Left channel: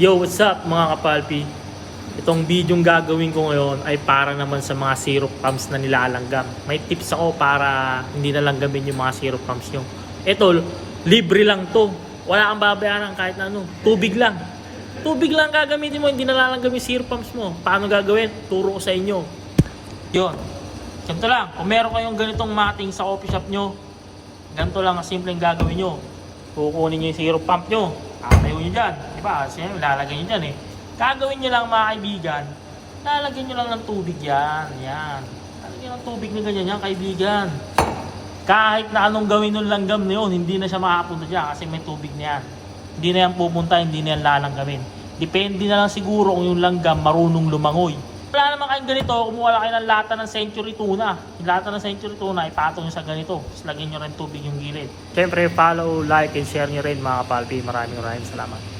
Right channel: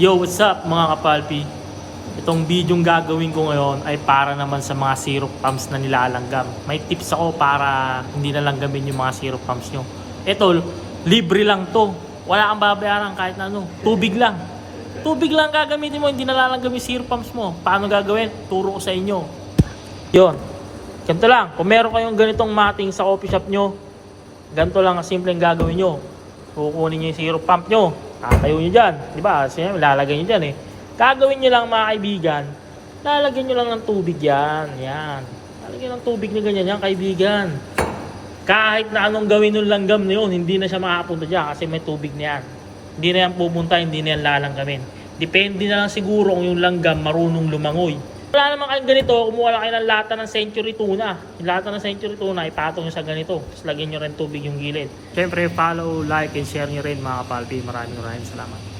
Yo, what's up mga kapalpi? Itong videong gagawin ko ngayon ay para naman sa mga syrup pumps na nilalanggam. May tips ako para hindi nalanggamin yung mga syrup pumps nyo. Ito, libre lang to. Wala kang babayaran kahit na ano. Tubig lang. Tubig lang gagamitin mo, hindi nalalangam yung syrup pumps mo. Paano gagawin? Turo ko sa inyo. Yun. Ganito lang. Kung meron kayong ganitong mating sa coffee shop nyo, ganito lang ang simpleng gagawin nyo. Kukunin nyo yung syrup pump nyo. Tayo nyo dyan. Diba? Siyempre, lalagay nyo dyan eh. Gagawin nyo lang mga kaibigan, lalagyan nyo lang ng tubig yan. Yan. Lalagyan ng tubig na ganyan yan, kaibigan. Kahit na anong gawin ng langgam na yun, hindi na siya makapunta dyan kasi may tubig na yan. Hindi na yan pupunta, hindi na yan lalanggamin. Depende na lang siguro kung yung langgam marunong lumangoy. Wala naman kayong ganito, kumuha lang kayo ng lata ng century tuna. Yung lata ng century tuna, ipatong nyo sa ganito. Tapos lagyan nyo rin tubig yung gilid. Siyempre, follow, like, and share nyo rin mga kapalpi. Maraming salamat.